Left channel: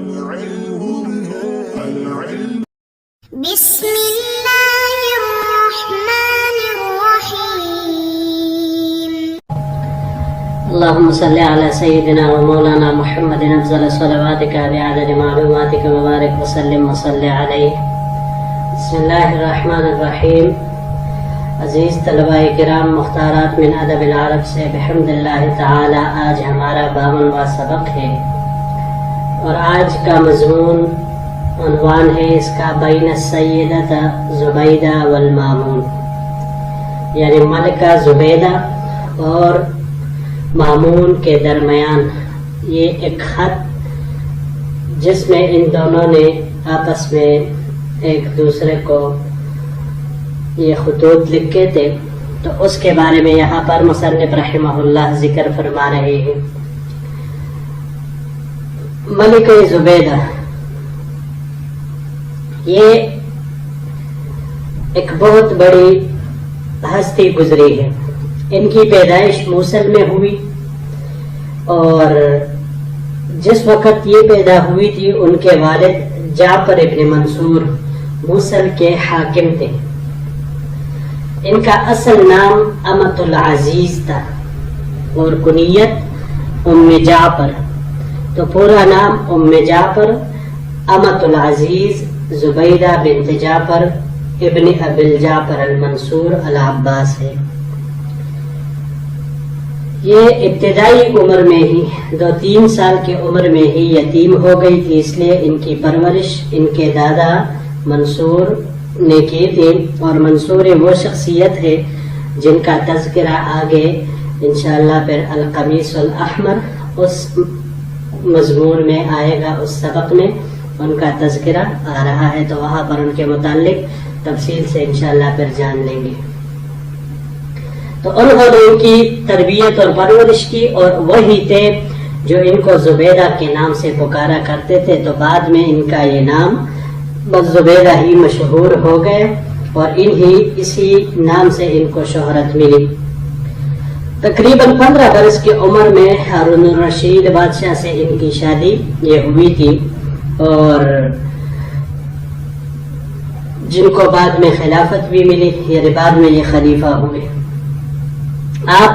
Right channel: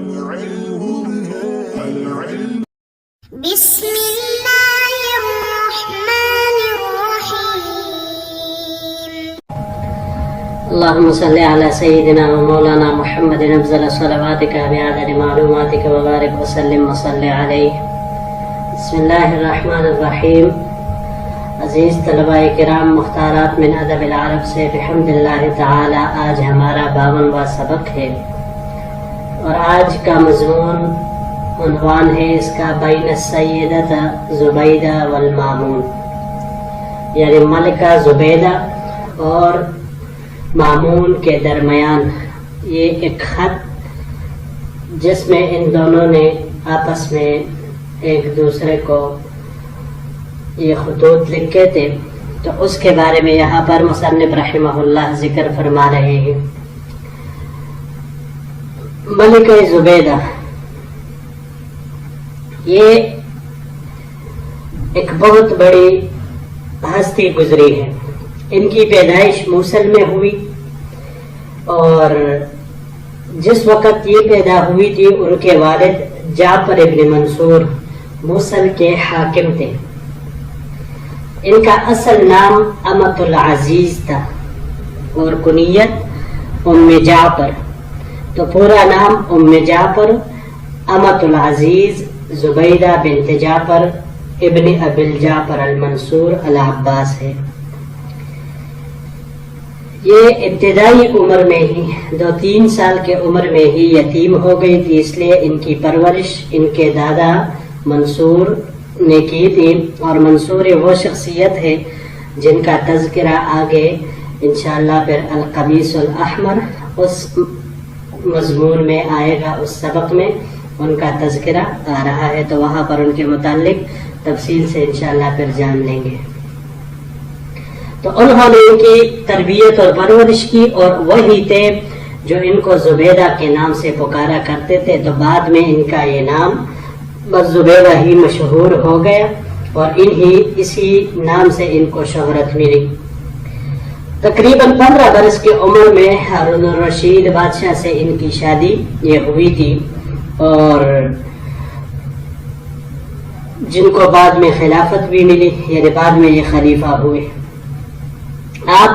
بسم الله الرحمن الرحيم. اللهم صل على سيدنا ومولانا محمد أفضل صلواتك بعدد معلوماتك وبارك وسلم وصل عليه. بسم الله الرحمن الرحیم. عزیز طلباء کرام، مختارات من ادب العرب سے بحمد اللہ تعالی آج ہمارا 52واں سبق ہے اور آج کا مضمون عنوان ہے اس کا بین السیدۃ زبیدہ والمامون، یعنی ملکہ زبیدہ اور مامون کے درمیان یہ ایک خط جس میں ان دونوں نے آپس میں ایک دوسرے کو یہ خطوط لکھے تھے، تو اس کے بارے میں یہاں پر مصنف رحمہ اللہ ذکر فرما رہے ہیں. ملکہ زبیدہ یہ ایک بہت بڑی ہستی گزری ہے. ان کی پیدائش موصل میں ہوئی اور جس وقت یہ پیدا ہوئی تھی ان کے والد جعفر ابن منصور موصل کے حاکم تھے. ان کا اصل نام امۃ العزیز تھا اور کنیت ام جعفر، تو پورا نام ام جعفر امۃ العزیز زبیدہ بنت جعفر ابن ابی جعفر المنصور العباس ہے. یہ ابتدائی عمر میں ہی 2-3 سال کی عمر میں ہی یتیم ہو گئی تھی، اس لیے ان کی پرورش ان کے دادا منصور نے کی تھی. اور منصور وہ شخصیت ہے جن کا تذکرہ آگے انشاءاللہ پھر القمیص الاحمر اس مضمون میں آئے گا، اس سبق میں ان کا تذکرہ آ رہا ہے، تو وہاں پر ان کے متعلق تفصیل سے انشاءاللہ پھر جان لیں گے. تو انہوں نے ان کی تربیت اور پرورش کی اور وہی تھے جو ان کو زبیدہ کے نام سے پکارا کرتے تھے. تو بعد میں ان کا یہ نام بس زبیدہ ہی مشہور ہو گیا اور اسی نام سے ان کو شہرت ملی. تقریباً 15 برس کی عمر میں ہارون الرشید بادشاہ سے ان کی شادی یہ ہوئی تھی اور جن کو بعد میں خلافت بھی ملی، یعنی بعد میں یہ خلیفہ ہوئے. آپ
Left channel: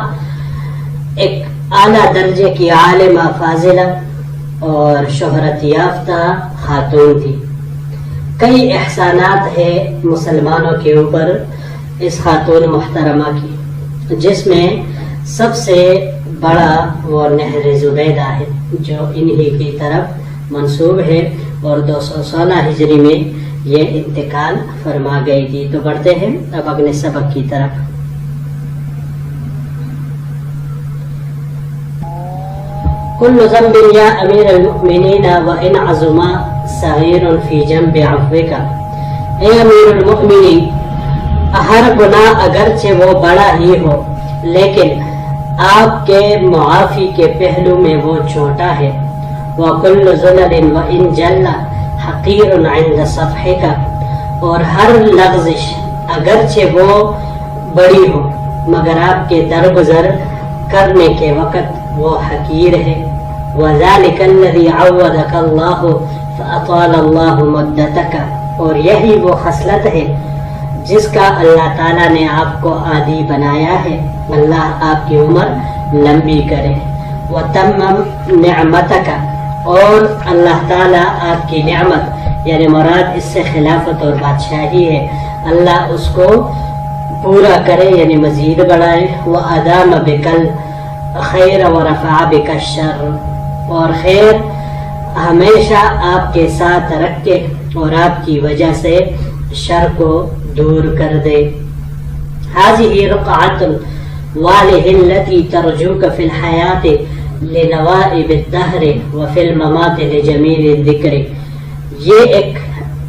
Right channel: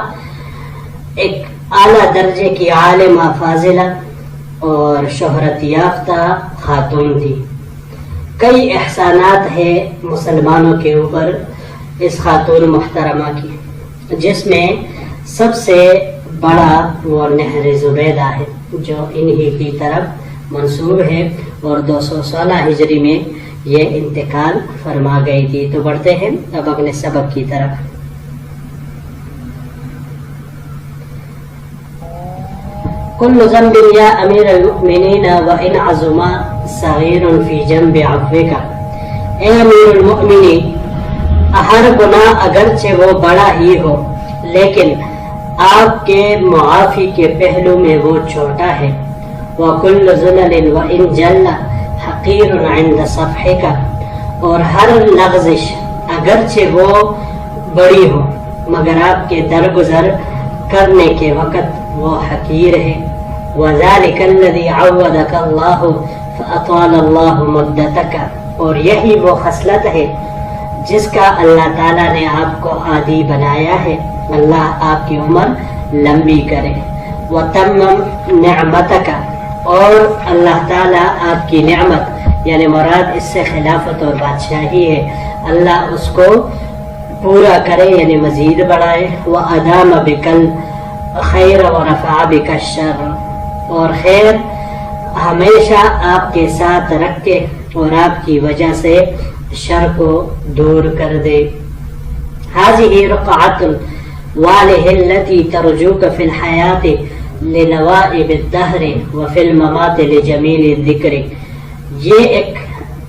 ایک اعلیٰ درجے کی عالمہ فاضلہ اور شہرت یافتہ خاتون تھی. کئی احسانات ہیں مسلمانوں کے اوپر اس خاتون محترمہ کی، جس میں سب سے بڑا وہ نہر زبیدہ ہے جو انہی کی طرف منسوب ہے اور 216 ہجری میں یہ انتقال فرما گئی تھی. تو بڑھتے ہیں اب اگلے سبق کی طرف. كل ذنب يا امیر المؤمنین وان عظم صغیر فی جنب عفوک. اے امیر المؤمنین، ہر گناہ اگرچہ وہ بڑا ہی ہو لیکن آپ کے معافی کے پہلو میں وہ چھوٹا ہے. وَكُلُّ زُلَلٍ وَإِن جَلَّ حَقِيرٌ عِنْدَ صَفْحِكَ، اور ہر لغزش اگرچہ وہ بڑی ہو مگر آپ کے درگزر کرنے کے وقت وہ حقیر ہے. وَذَلِكَ الَّذِي عَوَّدَكَ اللَّهُ فَأَطَالَ اللَّهُ مُدَّتَكَ، اور یہی وہ خصلت ہے جس کا اللہ تعالیٰ نے آپ کو عادی بنایا ہے. اللہ آپ کی عمر لمبی کرے. وَتَمَّمْ نِعْمَتَكَ، اور اللہ تعالیٰ آپ کی نعمت یعنی مراد اس سے خلافت اور بادشاہی ہے، اللہ اس کو پورا کرے یعنی مزید بڑھائے. وَأَدَامَ بِكَ الْخَيْرَ وَرَفَعَ بِكَ الشَّرَّ، اور خیر ہمیشہ آپ کے ساتھ رکھے اور آپ کی وجہ سے شر کو دور کر دے. هذه رقعة واله التي ترجوك في الحياة لنوائب الدهر وفي الممات لجميل الذكر. یہ ایک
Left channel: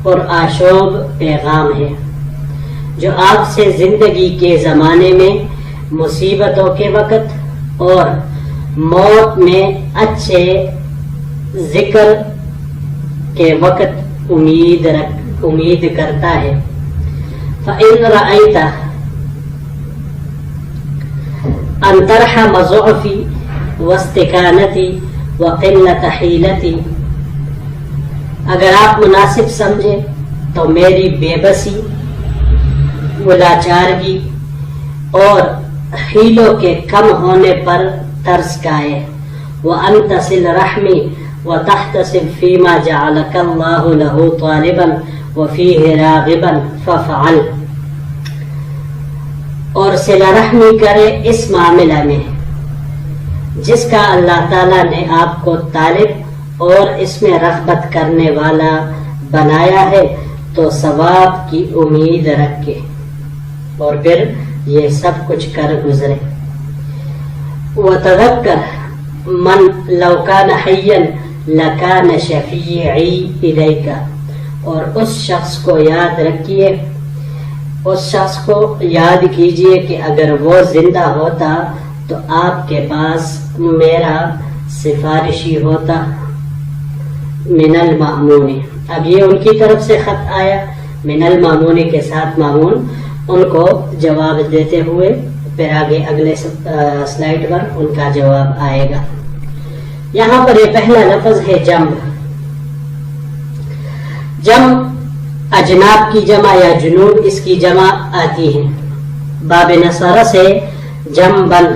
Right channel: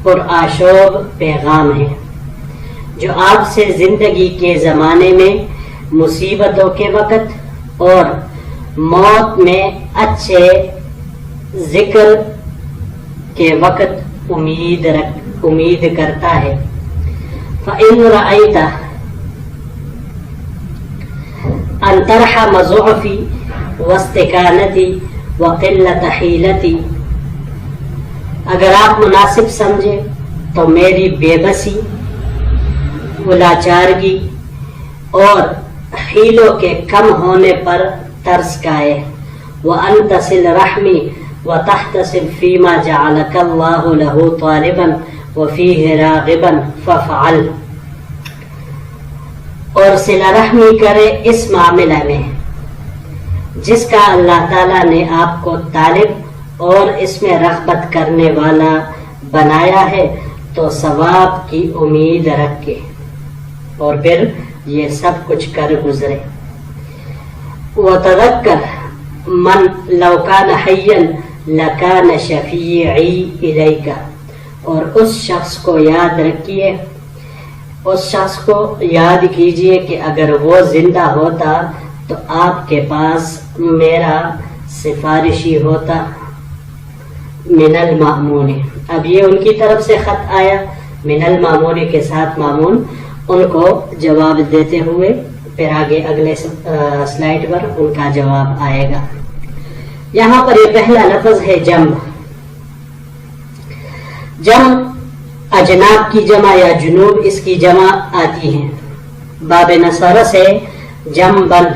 پرآشوب پیغام ہے جو آپ سے زندگی کے زمانے میں مصیبتوں کے وقت اور موت میں اچھے ذکر کے وقت امید کرتا ہے. فَإِنْ رَأَيْتَ أَنْ تَرْحَمَ ضُعْفِي وَاسْتِكَانَتِي وَقِلَّةَ حِيلَتِي اگر آپ مناسب سمجھے تو میری بے بسی، لاچارگی اور حیلوں کے کم ہونے پر ترس کھائے۔ وَأَن تَصِلَ رَحْمِي وَتَحْتَسِبْ فِي مَا جَعَلَكَ اللَّهُ لَهُ طَالِبًا وَفِيهِ رَاغِبًا فَافْعَلْ، اور صلہ رحمی کرے اس معاملہ میں جس کا اللہ تعالیٰ نے آپ کو طالب اور اس میں رغبت کرنے والا بنایا ہے، تو ثواب کی امید رکھے اور پھر یہ سب کچھ کر گزرے۔ وَتَذَكَّرْ مَنْ لَوْ كَانَ حَيًّا لَكَانَ شَفِيعِي إِلَيْكَ، اور اس شخص کو یاد رکھیے، اس شخص کو یاد کیجئے کہ اگر وہ زندہ ہوتا تو آپ کے پاس میرا سفارشی ہوتا۔ من المأمون، اب یہ ان کی طرف سے خط آیا، من المأمون کے ساتھ مامون ان کو جواب دیتے ہوئے، پھر آگے اگلے سلائیڈ پر ان کا جواب آئے گا۔ یہاں پر یہ پہلا لفظ ہے جم۔ جم اجناب کی جمع یا جنوب اس کی جمع آتی ہے۔ باب نصارہ سے جمبن،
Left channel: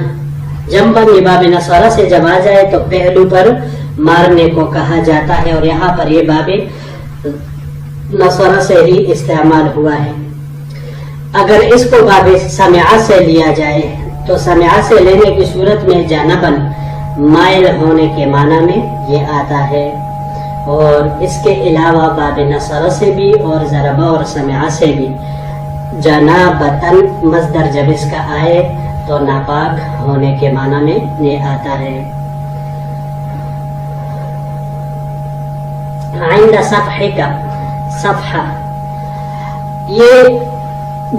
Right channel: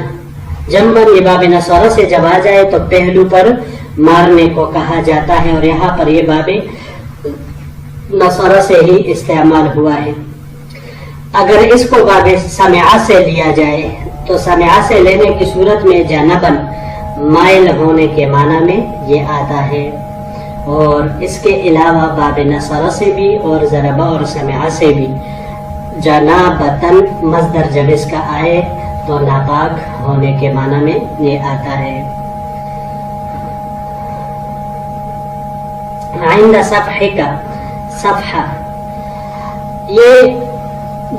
جمبن یہ باب نصارہ سے جب آ جائے تو پہلو پر مارنے کو کہا جاتا ہے، اور یہاں پر یہ باب نصارہ سے ہی استعمال ہوا ہے۔ اگر اس کو باب سمعہ سے لیا جائے تو سمعہ سے لینے کی صورت میں جانبن مائل ہونے کے معنی میں یہ آتا ہے، اور اس کے علاوہ باب نصرہ سے بھی اور ضربہ اور سمعہ سے بھی جنابتن مصدر جب اس کا آئے تو ناپاک ہونے کے معنی میں یہ آتا ہے۔ عند صفحہ کا صفحہ، یہ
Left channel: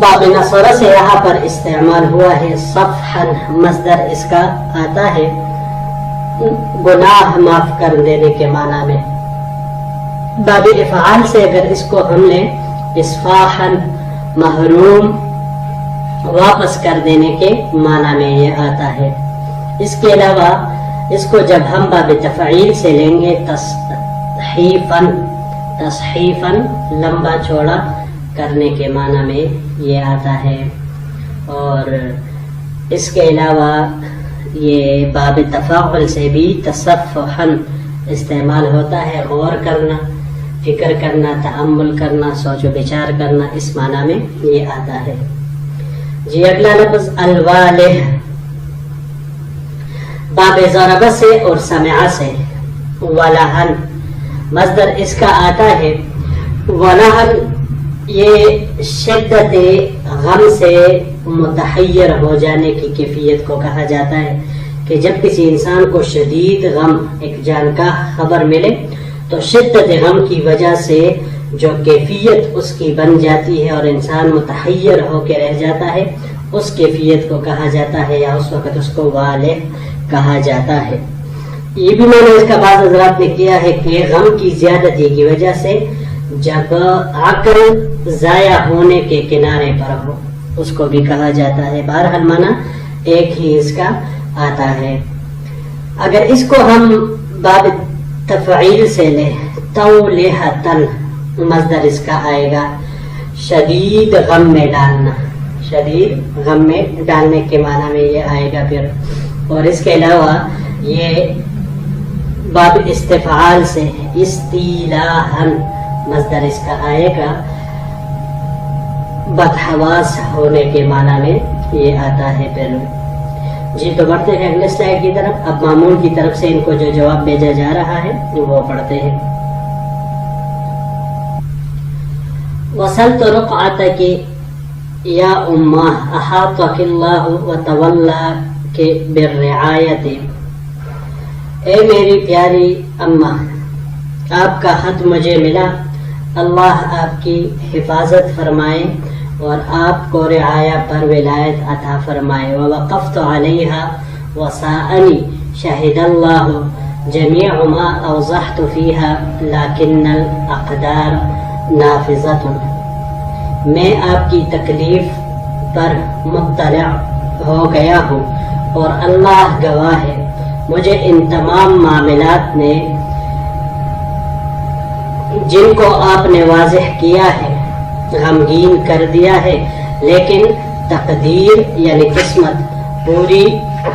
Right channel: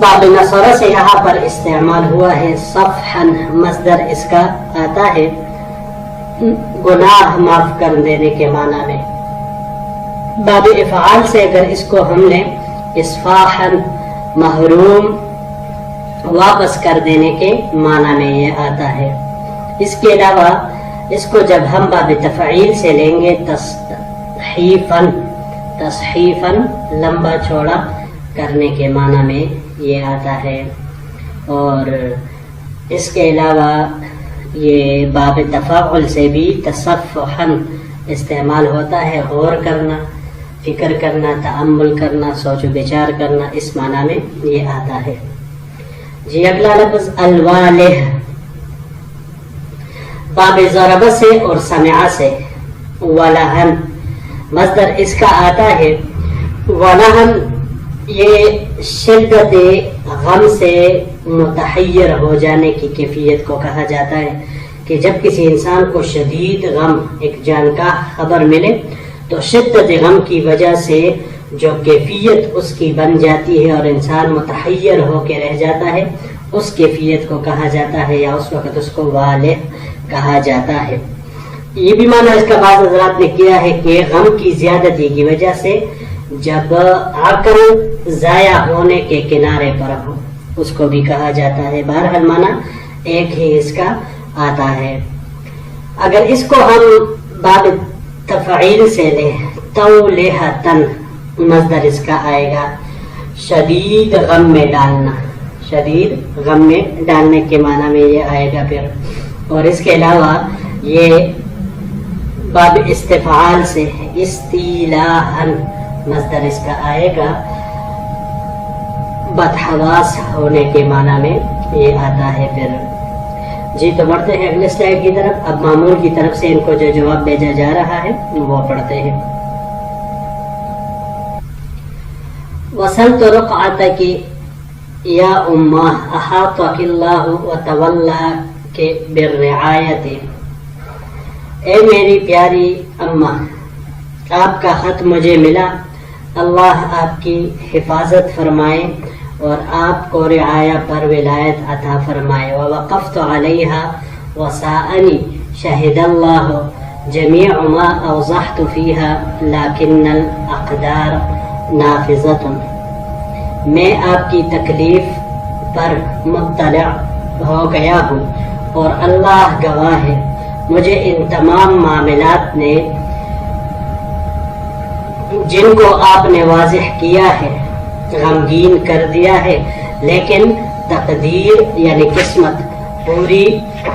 باب نصرہ سے یہاں پر استعمال ہوا ہے۔ صفحا مصدر اس کا آتا ہے گناہ معاف کر دینے کے معنی میں۔ باب افعال سے اگر اس کو ہم لیں اصفاحا محروم واپس کر دینے کے معنی میں یہ آتا ہے۔ اس کے علاوہ اس کو جب ہم باب تفعیل سے لیں گے تصحیفاً، تصحیفاً لمبا چوڑا کرنے کے معنی میں یہ آتا ہے، اور اس کے علاوہ یہ باب تفاعل سے بھی تصفحاً استعمال ہوتا ہے، غور کرنا، فکر کرنا، تأمل کرنا، سوچ و بچار کرنا، اس معنی میں یہ آتا ہے۔ جی اگلا لفظ الوالہ، باب ضربہ سے اور سمعہ سے ولہن مصدر اس کا آتا ہے۔ ولہن یہ شدت غم سے متحیر ہو جانے کی کیفیت کو کہا جاتا ہے، کہ جب کسی انسان کو شدید غم، ایک جانکاہ خبر ملے تو شدت غم کی وجہ سے جو کیفیت اس کی بن جاتی ہے اور انسان متحیر ہو کے رہ جاتا ہے، اس کیفیت کو کہا جاتا ہے، یا اس وقت اس کو والہ کہا جاتا ہے۔ یہ بھی معنی اس کا بعض حضرات نے کیا ہے کہ غم کی زیادتی کی وجہ سے جب عقل ضائع ہونے کے کنارے پر ہو، اس کو بھی کہا جاتا ہے۔ بہرحال معنی ایک ہی اس کا آتا ہے۔ اگر اس کو ہم باب تفعیل سے لیں تولیہتن مصدر اس کا آئے گا شدید غم میں ڈالنا، شدید غم میں ڈالنے کے معنی میں یہ آئے گا پھر، اور اس کے علاوہ یہ باب استفعال سے استیلاحن مصدر اس کا آئے گا بدحواس ہونے کے معنی میں یہ آتا ہے پھر۔ جی تو بڑھتے ہیں اگلے سلائیڈ کی طرف۔ اب مامون کی طرف سے ان کو جو جواب بھیجا جا رہا ہے وہ پڑھتے ہیں۔ وصلت رقعتك یا امہ احاطك اللہ وتولاك بالرعایت، اے میری پیاری اماں، آپ کا خط مجھے ملا، اللہ آپ کی حفاظت فرمائے اور آپ کو رعایا پر ولایت عطا فرمائے۔ ووقفت علیہا وساءنی شہد اللہ جمیع ما اوضحت فیہا لیکن الاقدار نافذۃ، میں آپ کی تکلیف پر مطلع ہو گیا ہوں اور اللہ گواہ ہے، مجھے ان تمام معاملات نے جن کو آپ نے واضح کیا ہے، غمگین کر دیا ہے، لیکن تقدیر یعنی قسمت پوری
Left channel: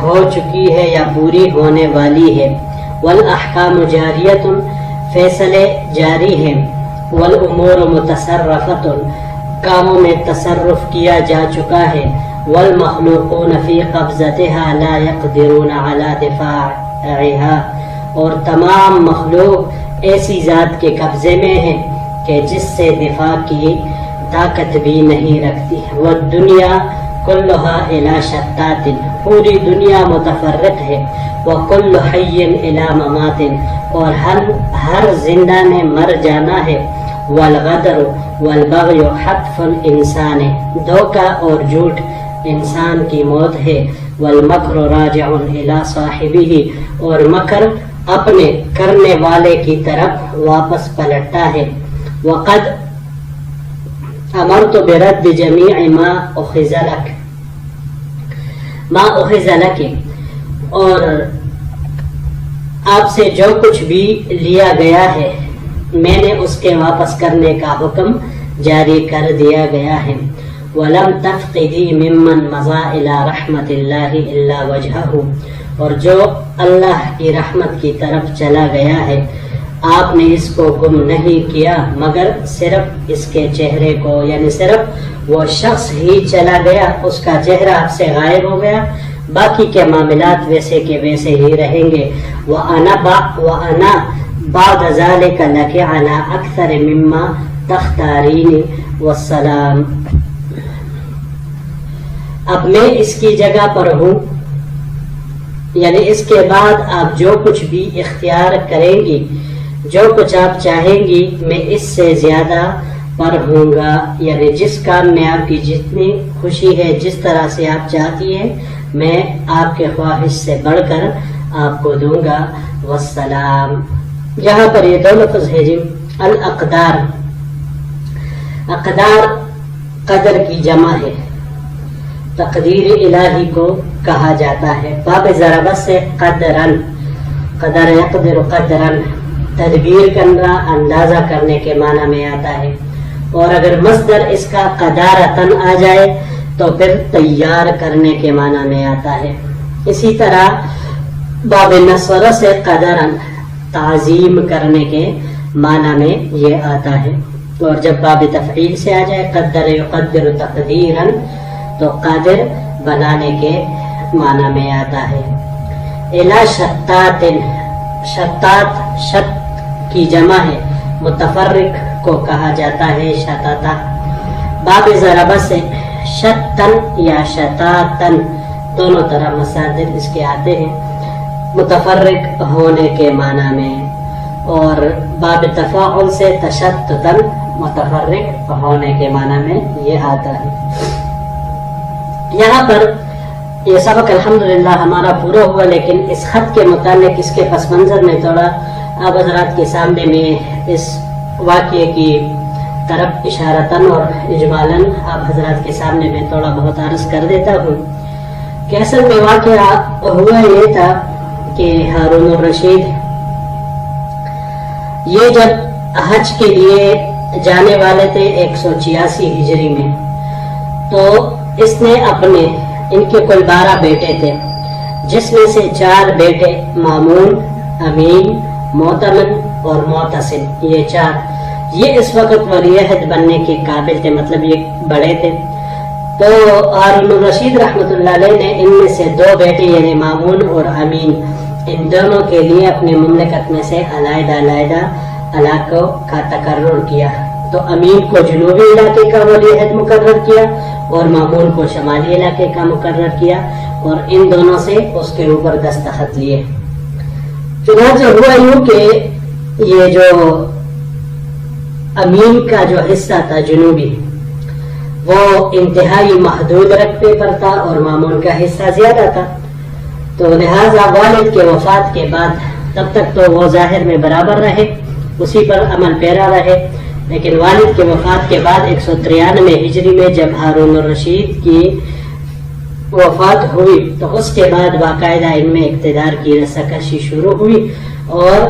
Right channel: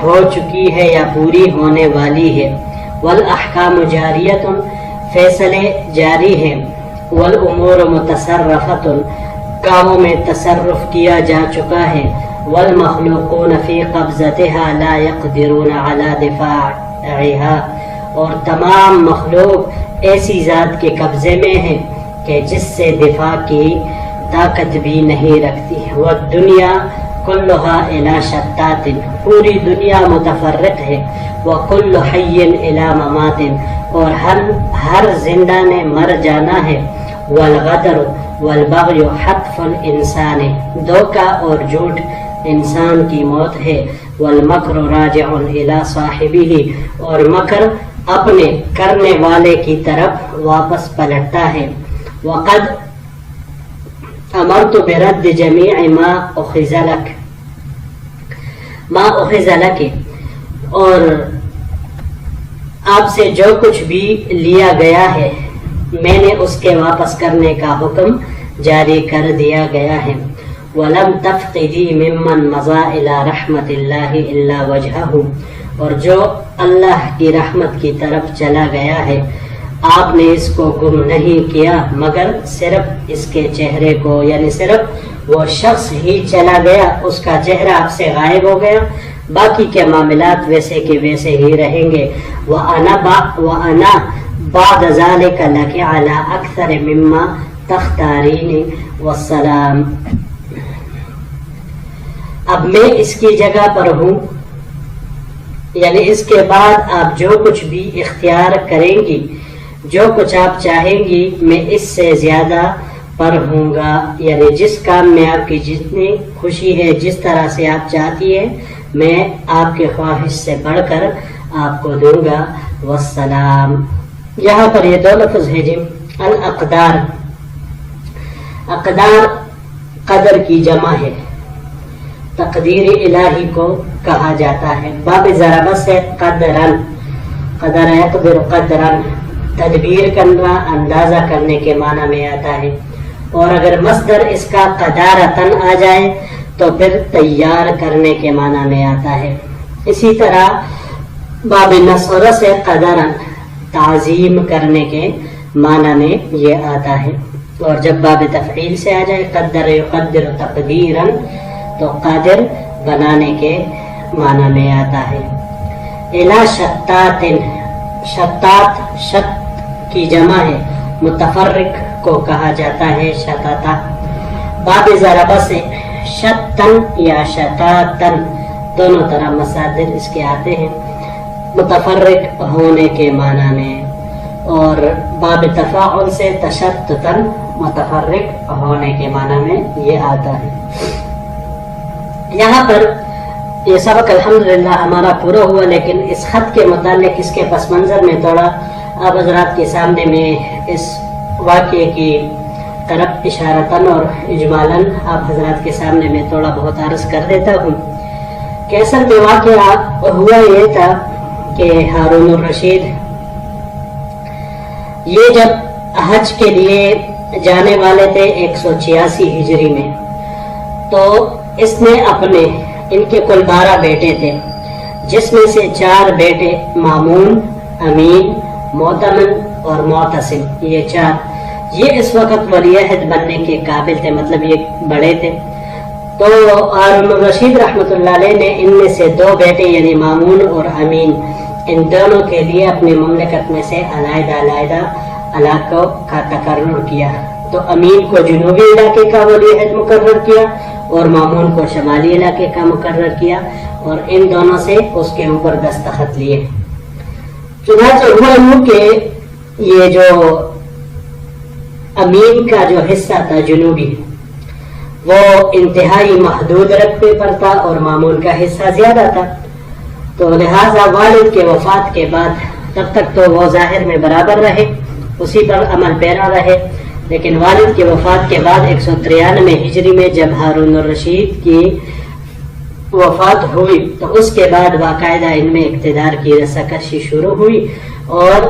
ہو چکی ہے یا پوری ہونے والی ہے۔ والاحکام جاریۃ، فیصلے جاری ہیں۔ والامور متصرفۃ، کاموں میں تصرف کیا جا چکا ہے۔ والمخلوقون فی قبضتها لا يقدرون على دفاعها، اور تمام مخلوق ایسی ذات کے قبضے میں ہیں کہ جس سے دفاع کی طاقت بھی نہیں رکھتی۔ والدنیا کلها الی شتات، پوری دنیا متفرق ہے۔ وکل حی الی ممات، اور ہر زندہ نے مر جانا ہے۔ والغدر والبغی حتف الانسان، دھوکہ اور جھوٹ انسان کی موت ہے۔ والمکر راجع الی صاحبہ، اور مکر اپنے کرنے والے کی طرف واپس پلٹتا ہے۔ وقد امرت برد جمیع ما اخذ لک، اور آپ سے جو کچھ بھی لیا گیا ہے میں نے اس کے واپس کرنے کا حکم جاری کر دیا گیا ہے۔ وَلَمْ تَفْقِدِي مِمَّنْ مَضَى إِلَى رَحْمَةِ اللَّهِ إِلَّا وَجْهَهُ، اور جو اللہ کی رحمت کی طرف چلا گیا ہے آپ نے اس کو گم نہیں کیا مگر صرف اس کے چہرے کو، یعنی صرف وہ شخص ہی چلا گیا، اس کا چہرہ آپ سے غائب ہو گیا، باقی کے معاملات ویسے کے ویسے ہی رہیں گے۔ وَأَنَا بَعْدَ ذَلِكَ لَكِ عَلَىٰ أَكْثَرِ مِمَّا تَخْتَارِينِ وَالسَّلَامُ، اب میں اس کی جگہ پر ہوں، یعنی اس کے بعد آپ جو کچھ بھی اختیار کریں گی، جو کچھ آپ چاہیں گی میں اس سے زیادہ پر ہوں گا، یعنی جس کام میں آپ کی جتنی خوشی ہے، جس طرح سے آپ چاہتی ہے میں آپ کے خواہش سے بڑھ کر آپ کو دوں گا۔ والسلام، یہاں پر یہ دو لفظ ہے جی۔ الاقدار، اقدار قدر کی جمع ہے، تقدیر الہی کو کہا جاتا ہے۔ باب ضربہ سے قدرن، قدر یقدر قدرن، تدبیر کرنا، اندازہ کرنے کے معنی میں آتا ہے، اور اگر مصدر اس کا قدارتن آ جائے تو پھر تیار کرنے کے معنی میں آتا ہے۔ اسی طرح باب نصر سے قدرن، تعظیم کرنے کے معنی میں یہ آتا ہے، اور جب باب تفعیل سے آ جائے قدر یقدر تقدیرن تو قادر بنانے کے معنی میں آتا ہے۔ الا شتات، شتات شت کی جمع ہے، متفرق کو کہا جاتا ہے شتاتا۔ باب ضربہ سے شتن یا شتاتن دونوں طرح مصادر اس کے آتے ہیں، متفرق ہونے کے معنی میں، اور باب تفاعل سے تشتتن متفرق ہونے کے معنی میں یہ آتا ہے۔ یہاں پر یہ سبق الحمدللہ ہمارا پورا ہوا، لیکن اس خط کے متعلق اس کے پس منظر میں تھوڑا آپ حضرات کے سامنے میں اس واقعے کی طرف اشارتاً اور اجمالاً آپ حضرات کے سامنے میں تھوڑا بہت عرض کر دیتا ہوں کہ اصل میں واقعہ ہوا یہ تھا کہ ہارون الرشید یہ جب حج کے لیے جانے والے تھے 186 ہجری میں، تو اس نے اپنے، ان کے کل 12 بیٹے تھے، جس میں سے 4 بیٹے مامون، امین، معتمن اور معتصم، یہ 4 یہ اس وقت ولی عہد بننے کے قابل تھے، مطلب یہ بڑے تھے۔ تو ہارون الرشید رحمۃ اللہ علیہ نے ان میں سے 2 بیٹے یعنی مامون اور امین، ان دونوں کے لیے اپنی مملکت میں سے علیحدہ علیحدہ علاقوں کا تقرر کیا۔ تو امین کو جنوبی علاقے کا ولی عہد مقرر کیا اور مامون کو شمالی علاقے کا مقرر کیا، اور ان دونوں سے اس کے اوپر دستخط لیے۔ چنانچہ ہوا یوں کہ یہ جو امین کا جو حصہ تھا جنوبی، وہ انتہائی محدود رقبے پر تھا اور مامون کا حصہ زیادہ تھا، تو لہٰذا والد کے وفات کے بعد تب تک تو وہ ظاہر میں برابر رہے، اسی پر عمل پیرا رہے، لیکن والد کے وفات کے بعد 193 ہجری میں جب ہارون الرشید کی وفات ہوئی تو اس کے بعد باقاعدہ ان میں اقتدار کی رساکشی شروع ہوئی، اور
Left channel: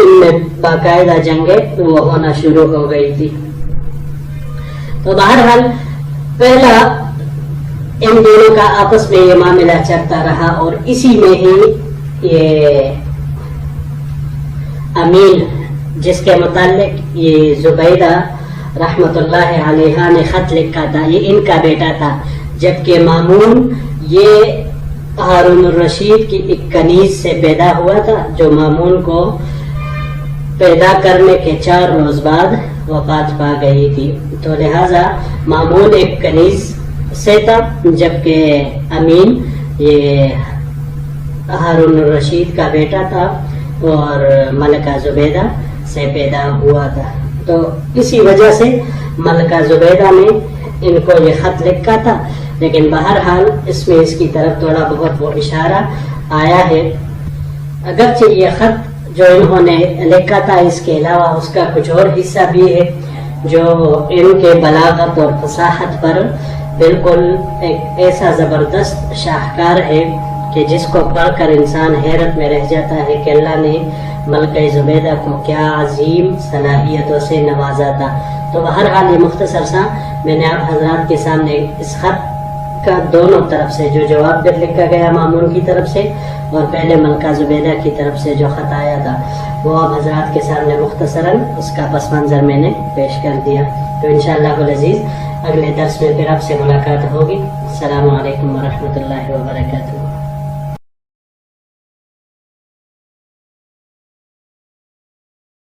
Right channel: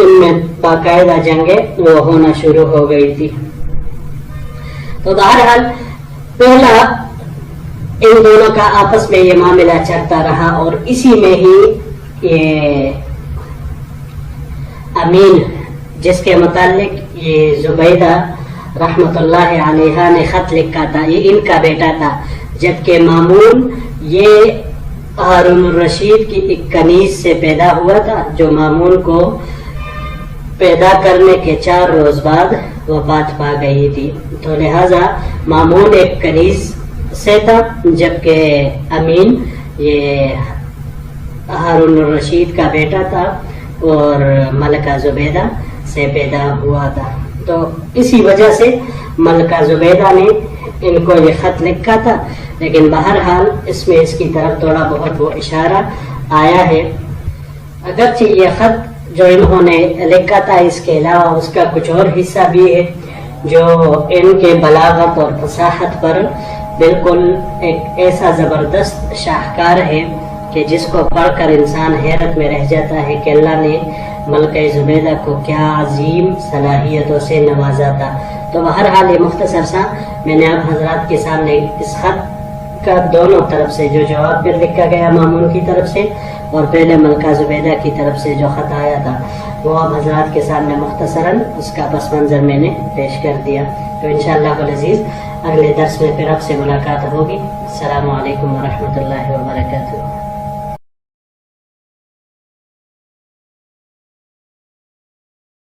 ان میں باقاعدہ جنگیں وہ ہونا شروع ہو گئی تھی. تو بہرحال پہلا ان دونوں کا آپس میں یہ معاملہ چلتا رہا اور اسی میں ہی یہ امین جس کے متعلق یہ زبیدہ رحمت اللہ علیہ نے خط لکھا تھا یہ ان کا بیٹا تھا، جبکہ مامون یہ ہارون الرشید کی ایک کنیز سے پیدا ہوا تھا جو مامون کو پیدا کرنے کے 4 روز بعد وفات پا گئی تھی. تو لہذا مامون ایک کنیز سے تھا جبکہ امین یہ ہارون الرشید کا بیٹا تھا اور ملکہ زبیدہ سے پیدا ہوا تھا. تو اسی وجہ سے ملکہ زبیدہ نے ان کو یہ خط لکھا تھا. لیکن بہرحال اس میں اس کی طرف تھوڑا بہت وہ اشارہ آیا ہے. اگرچہ یہ خط جو انہوں نے لکھا تھا اس کے علاوہ اس کا کچھ اور حصہ بھی ہے جو ان کے بلاغت اور فصاحت پر بالکل ایک ایسا زبردست شاہکار ہے کہ جس کو پڑھ کر انسان حیرت میں رہ جاتا ہے کہ اللہ نے ملکہ زبیدہ کو کیا عظیم صلاحیتوں سے نوازا تھا. تو بہرحال یہ مختصر سا میں نے آپ حضرات کے سامنے اس خط کا دونوں طرف سے جو جواب بھی لکھا گیا مامون کی طرف سے اور پہلے ملکہ زبیدہ کی طرف سے جو خط آیا تھا وہ آپ حضرات کے سامنے مختصراً اس کا پس منظر میں نے پیش کر دیا. تو انشاءاللہ العزیز اگلے درس میں پھر آپ سے ملاقات ہوگی. السلام علیکم ورحمۃ اللہ وبرکاتہ.